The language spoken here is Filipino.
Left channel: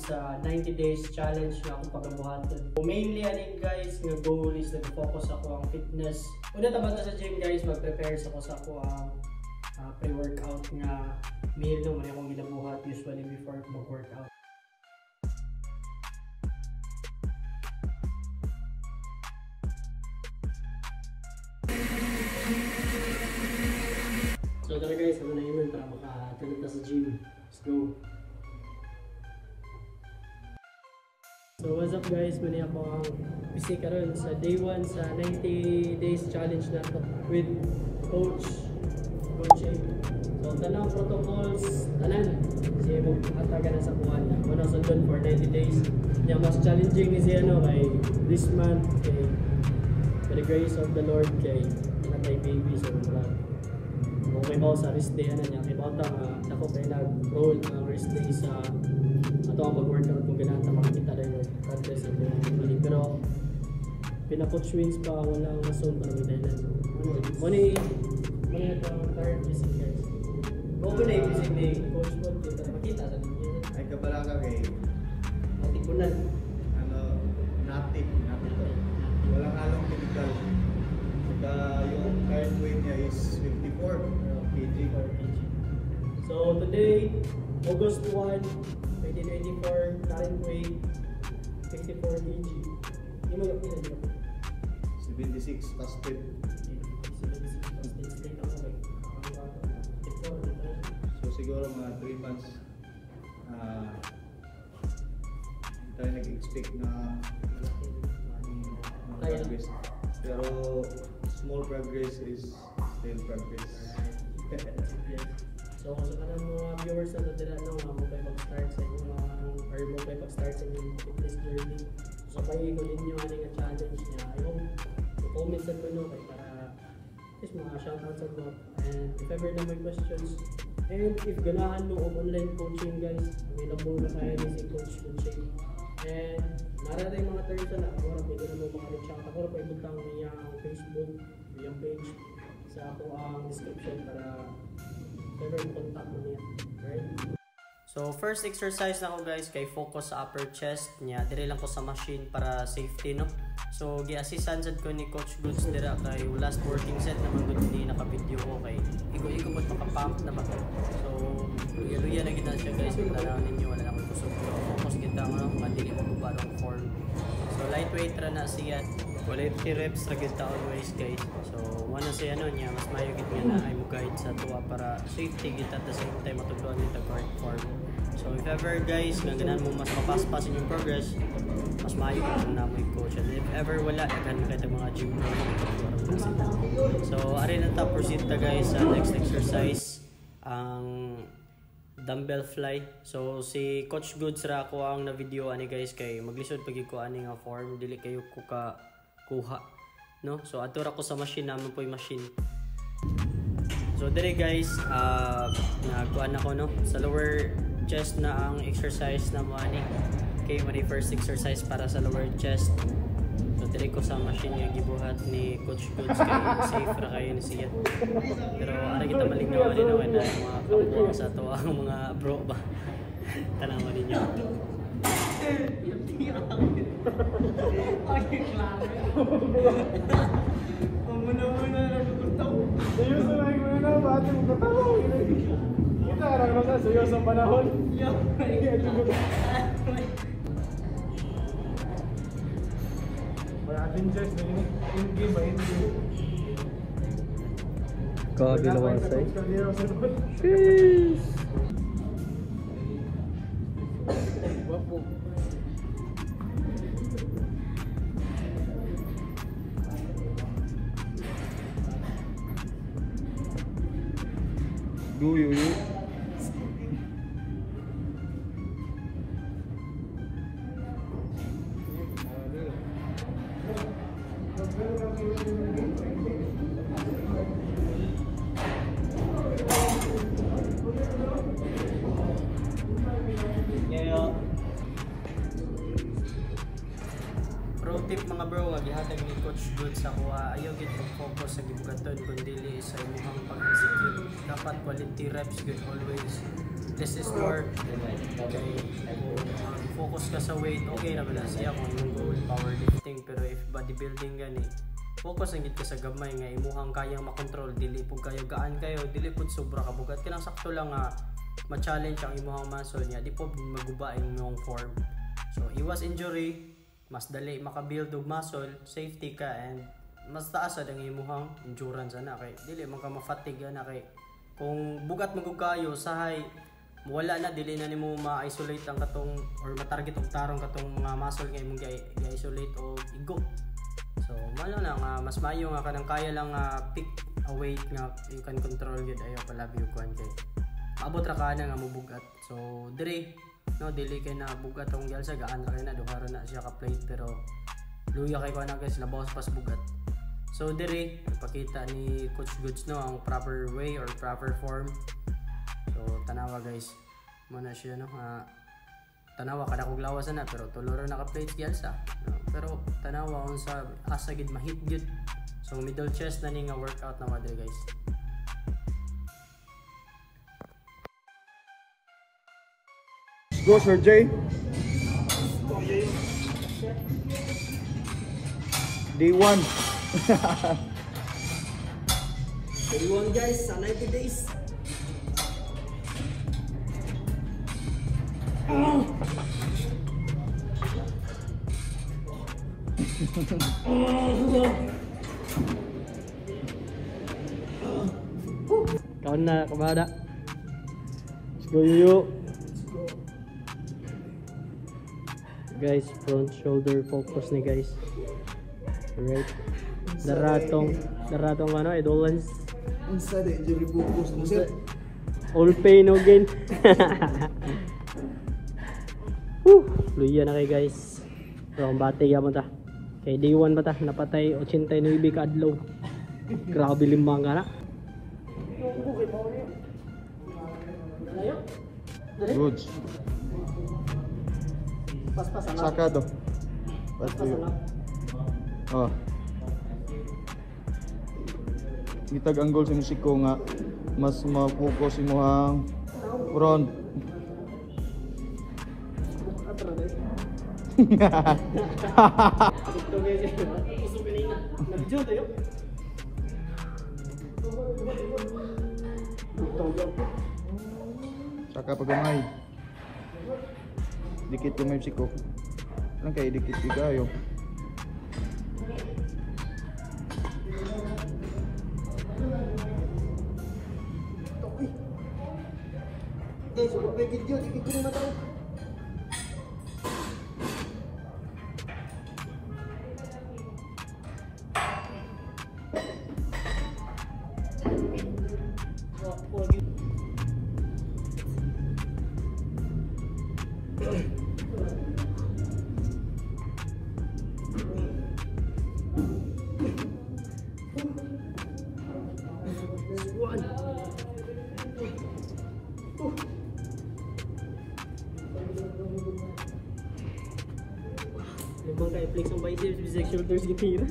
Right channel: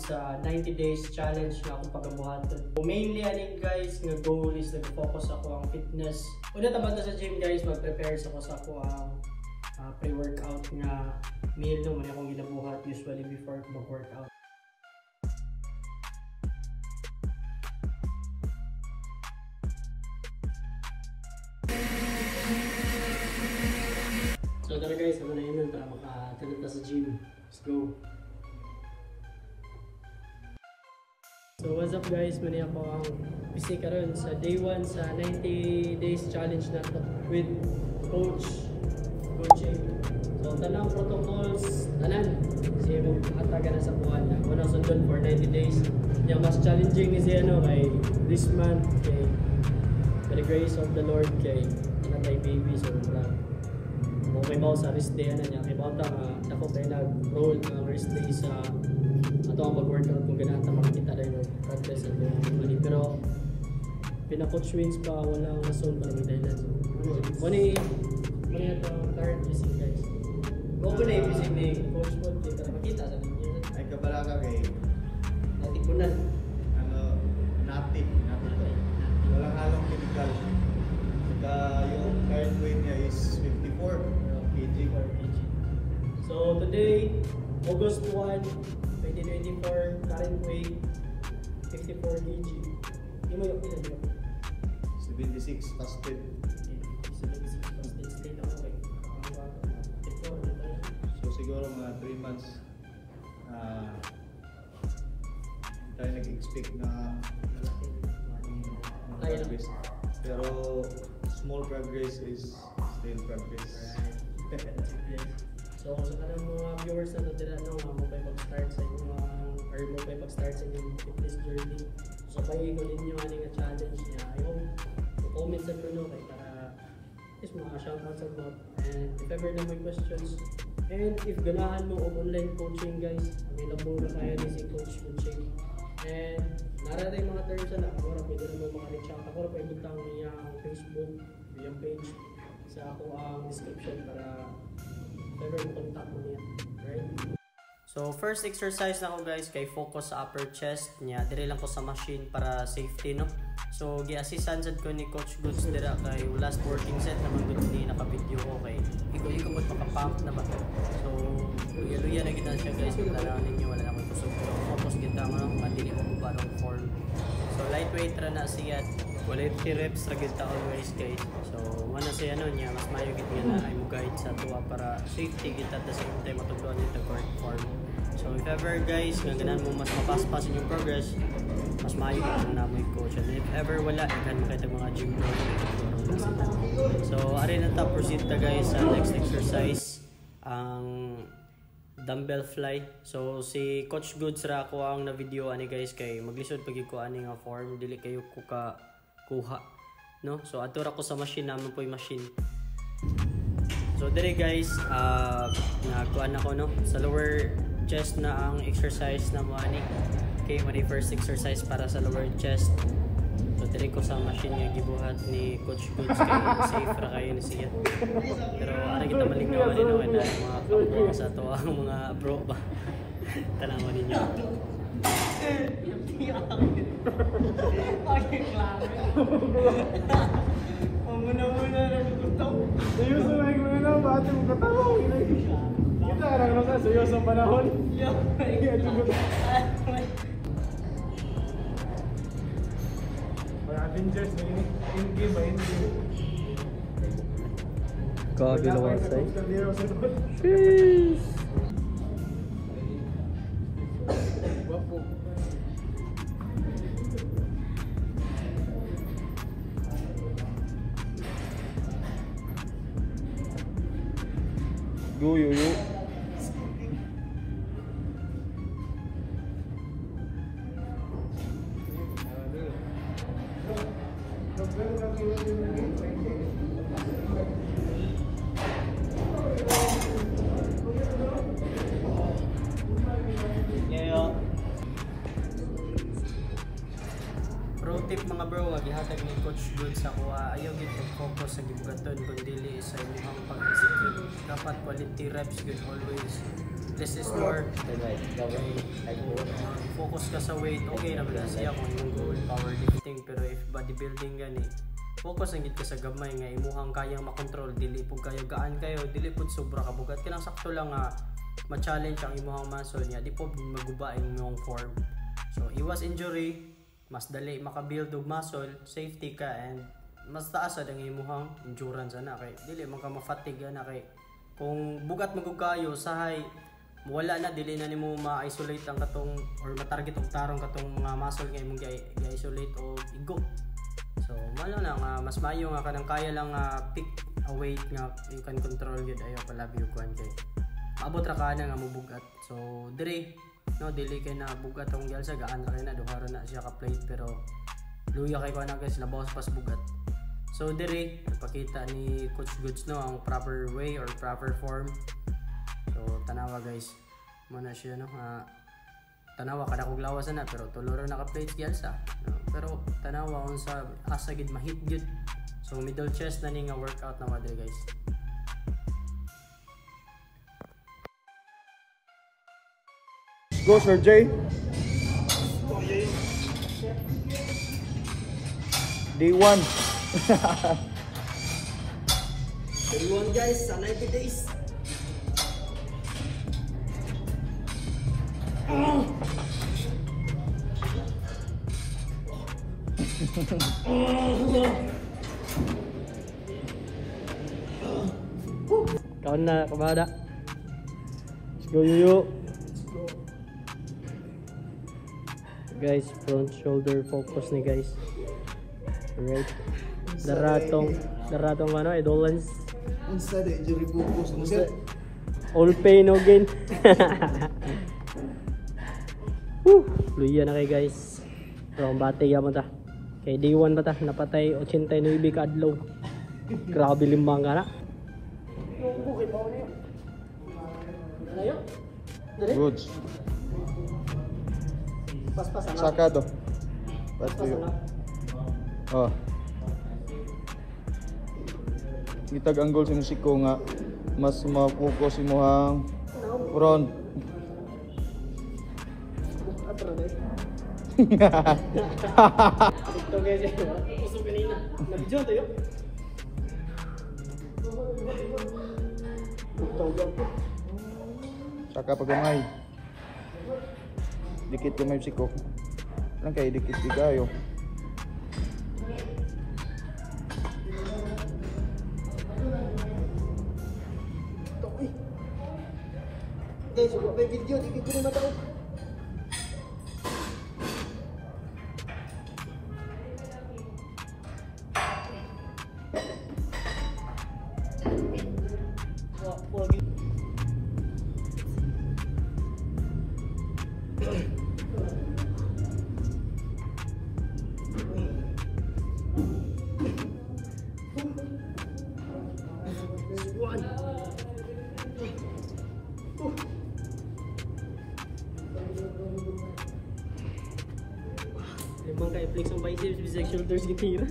sa 90 days challenge na akong pagabuhaton. Mainly aning guys, nga goal is nag-focus ako ang fitness. Una tapat na sa gym guys, mag-prepare ako sa ako ang pre-workout nga meal naman akong ginabuhat usually before mag-workout. So tara guys, ako na yun para makatulog na sa gym. Let's go! So what's up guys, mali ako ang PC karon sa day 1 sa 90 days challenge na to with coaching. So tanang protocols, tanan kasi mo ataga na sa kuhan na ako nang sundon for 90 days. Yung mas challenging is ano kay this month kay by the grace of the Lord kay natay baby. So kung may mga sa rest day ano niya kay mga ako kay nag-roll ang rest day sa ato ang pag-workout kung ganahan na makikita rin yung progress at yung money. Pero pina-coach wins pa ako ng rason para may dahilan. Muna itong third missing guys. Kung muna yung missing ni Coach Bob, dito na makita sa ninyo. Ay kabala ka kay Natikunan. Natin to. Walang halong chemical. Saka yung current weight niya is 54 kg. So today, August 1, 1994, current weight 54 kg. Hindi mo yung ilan yun? 76 fasted. 76 fasted straight away. So siguro mga 3 months tayo nag-expect na progress. Pero small progress is still progress. So kung sa mga viewers na natin mo kayo mag-start sa inyong or mo kayo mag-start sa inyong fitness journey. So kayo ninyo ano nga challenge niya. I hope i-comment sa mga kayo para is mga shoutout sa mga. And if ever na may questions, and if ganahan mo of online coaching guys, available na tayo ni si Coach Coaching. And nararay mga terms na ako na pwede na mo maka-reach out. Ako na pa ibutang niya ang Facebook, yung page sa ako ang description para ever contact mo niya. Right? So first exercise na ko guys kay focus sa upper chest niya. Dire lang ko sa machine para safety no. So gi-assistan sad ko ni Coach Goods dira kay last working set naman gud ni naka-video ko kay igo-igo pud maka-pump na ba. So luya-luya na gid na siya guys. Kung tanaw ninyo wala na koy kusog pero focus gid ta mo nga dili magubad ang form. So lightweight ra na siya. Quality reps ra gid ta always guys. So wala siya ano niya mas mayo gid nga na ay mo guide sa tuwa para safety gid at the same time matudloan ni ta correct form. So if ever guys nga ganahan mo mas mapaspas inyong progress, mas maayo kung namoy coach. And if ever wala, daghan mo kayo mga gym bro na matutulong na sila. So ari na ta proceed ta guys sa next exercise, ang dumbbell fly. So si Coach Goods ra ko ang na video ani guys kay maglisod pag ko ani nga form dili kayo ko ka kuha no. So ato ra ko sa machine naman po yung machine. So dire guys nagkuan ako no sa lower chest na ang exercise na mo ani. Okay, mali first exercise para sa lower chest. So dire ko sa machine nga gibuhat ni Coach Goods kay safe ra kayo ni siya. Pero ara kita malingaw ani no na mga kabuang sa to ang mga bro ba. Tanawan ninyo. Ay, klaro. Muna nagugutaw. Seryoso na bakit mo katawa? Kita na sa seryoso panahon. Avengers na yun. In-game ba? Kabilawang side. Sheesh! Yo. Pro tip mga bro, gihatag ni Coach Goods sa kuha, ayaw gid pag-focus sa gibugaton kun dili sa imong pag-execute. Dapat quality reps good always. less is more. Okay, kung focus ka sa weight, okay naman na siya kung imong goal powerlifting, pero if bodybuilding gani, focus ang gid ka sa gamay nga imuhang kayang makontrol, dili pud kayo gaan kayo, dili pud sobra ka bugat, kanang sakto lang nga ma-challenge ang imuhang muscle niya, di po maguba ang imong form. So iwas injury, mas dali maka-build og muscle, safety ka, and mas taas ang imuhang endurance ana kay dili man ka ma-fatigue ana kay kung bugat magug kayo sahay wala na, dili na nimo ma-isolate ang katong or ma-target og tarong katong mga muscle nga imong i-isolate o igo. So malo na nga mas maayo nga kanang kaya lang pick a weight nga you can control gyud ayo palabi og kuan kay abot ra ka na nga mubugat. So dire no dili kay na bugat ang gyal sa gaan ra kay na duha ra na siya ka plate, pero luya kay ko na guys labaw pas bugat. So dire ipakita ni Coach Goods no ang proper way or proper form. So tanawa guys mo na siya no tanawa kada kog lawas na pero tuloro na ka plates gyalsa no? Pero tanawa on sa asa gid mahit gid. So middle chest na ni nga workout na madre guys. Go Sir Jay. Day 1. Day 1 guys sa 90 days. Kawan na kumada. Let's go Yuyu. Guys, front shoulder focus ni guys. Alright. Daratong ano, idolans. Unsa de injury focus mo sir? All pain again. Luya na kay guys. So, ang bati mo ta. Kay day 1 ba ta? Napatay 89 ka adlaw. Grabe limbang ka na. Good. Pas-pas na. Sakado. Pas-pas na. Oh. Gitag ang goal sa Siko nga mas ma-focus mo ang front. Ito guys, usog kanina. Nabidyo tayo. Saka pagamay. Dikit gamay Siko. Lang kay dikit bigayo. Guys, huwag may video, di ko na matawag. Flex ang biceps, bisect shoulders, gitira.